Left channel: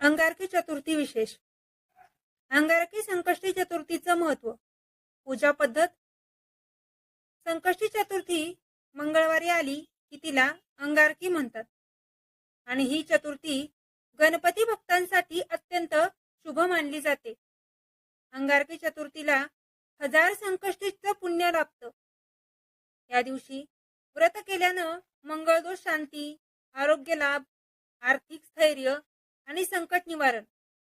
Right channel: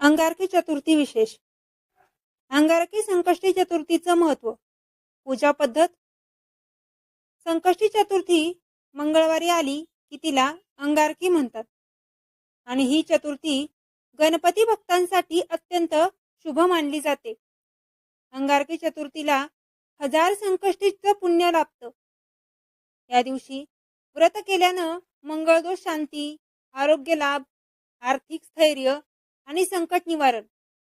अंगारकी चतुर्थी विशेष. अंगारकी संकष्टी चतुर्थीचं महत्व. पूजा पद्धत. संकष्टी चतुर्थी मंगळवारी आली की तिला अंगारकी म्हणतात आणि ही चतुर्थी गणपती भक्तांसाठी अत्यंत शुभ मानली जाते. अंगारकी चतुर्थीला 1000 संकष्टीचं पुण्य लाभतं. या दिवशी व्रत केल्यानं मंगळदोष शांती, आरोग्य लाभ, आर्थिक स्थैर्य आणि संकट निवारण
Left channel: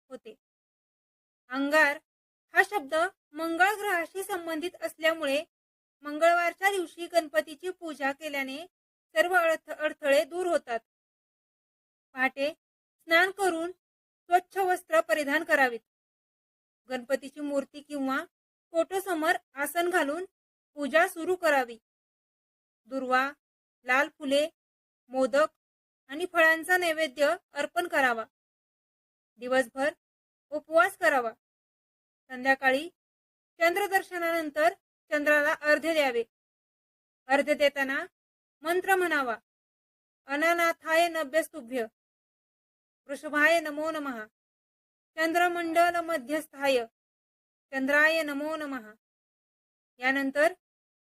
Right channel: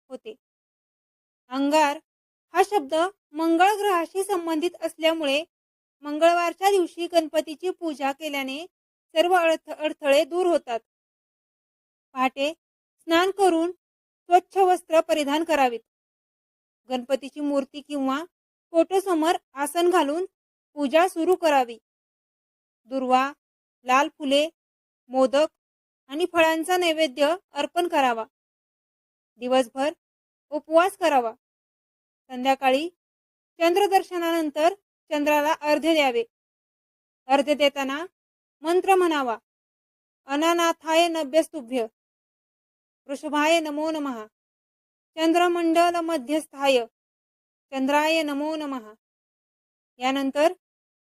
होते. अंगार हा शब्द मंगळ ग्रहाशी संबंधित असल्यामुळे मंगळवारच्या दिवशी गणपतीची पूजा केल्याने सर्व अडथळे दूर होतात. पहाटे स्नान करून स्वच्छ वस्त्र परिधान करावीत. गणपतीची मूर्ती किंवा फोटो समोर आसन घालून पूजा सुरू करावी. दुर्वा, लाल फुले, मोदक आणि फळांचा नैवेद्य अर्पण करावा. दिवसभर उपवास करावा. संध्याकाळी चंद्रदर्शनानंतर चंद्राला अर्घ्य द्यावे. अर्घ्य देताना मंत्र म्हणावा. अनानाथाय नभ्यस्तुभ्य, वृषभाय नमो नमः, चंद्रमंडल मध्यस्थाय चंद्राय नमो नमः. यानंतर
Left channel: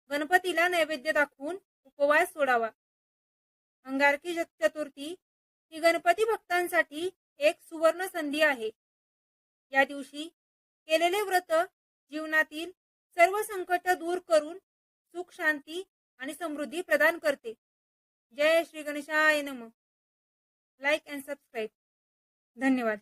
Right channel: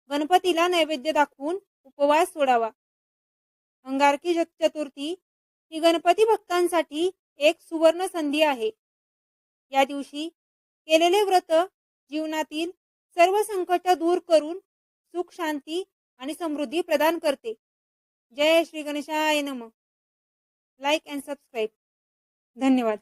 गणपतीला नैवेद्य दाखवून उपवास सोडावा. अंगारकी चतुर्थी ही गणपती भक्तांसाठी एक सुवर्ण संधी आहे. या दिवशी केलेले व्रत जीवनातील सर्व संकट दूर करून सुख, शांती आणि समृद्धी प्रदान करते. जय श्री गणेशाय नमः. Like and subscribe. धन्यवाद.